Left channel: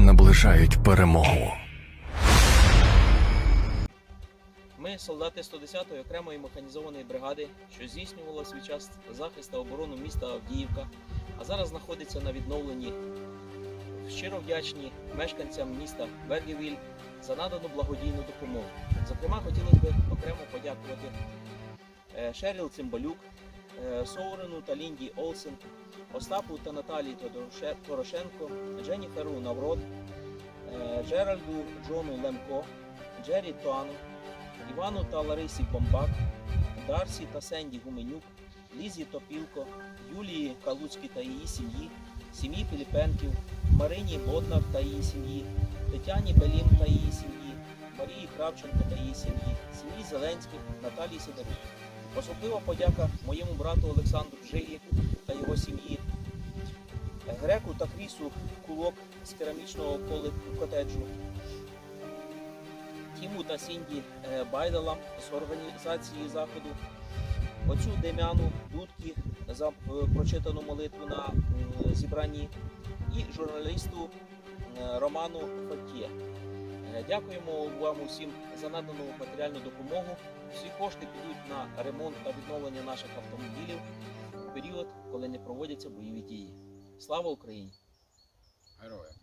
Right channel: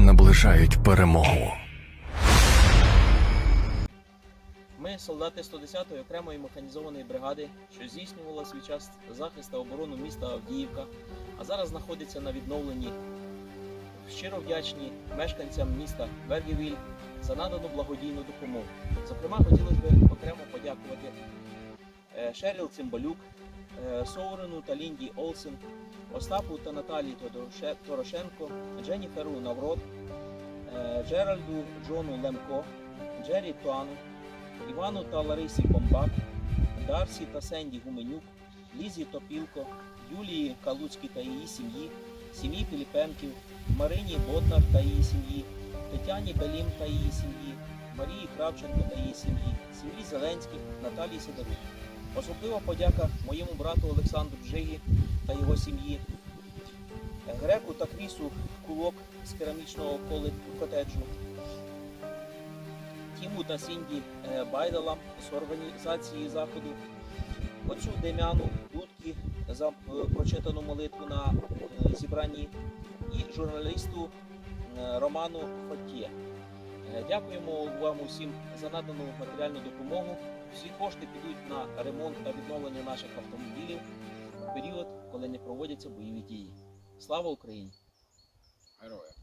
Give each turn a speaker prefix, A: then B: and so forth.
A: наближають перемогу. Ми, солдати 110-ї окремої механізованої бригади, що здійснювала свій час захист та оборону міста Авдіївка, а зараз знаходиться на відновленні. Щиро вдячні мешканцям міста Бергівіль за надану благодійну допомогу. Зокрема, хотілося б окремо подякувати Шеріл Цимбалюк, е, Соурену та Лінді Олсен, Остапу та Наталії Порошенко, Дженніферу Наврод, е, Джеральду Джону Лемко, Джері Туану, Івану та Ларисі Комбак, Дарсі та Сенді Гуменюк, Лізі Топілко, Юлії Калуцькій та її сім'ї, сім'ї Піліпенків, Марині Боднар та її сім'ї, Тетяні Белім та її сім'ї, Марії Кравченко та її сім'ї, сім'ї Зеленських, Наталії Сидорук. Особлива подяка моєму брату Олександру Жигі та його сім'ї, Греку та Крісу Кулок з керамічного котеджу, Тіму та Сінді е, Байдалам з організації заходу, отцю Дем'яну Дудки за е, прочитану молитву на е, зібранні. І журналісту Роману Фатє. Е, Дякуємо вам усім за надану матеріальну допомогу. Всі кошти підуть на ремонт та відновлення наших автомобілів в період, коли не проводяться бойові дії. Слава Україні! Героям.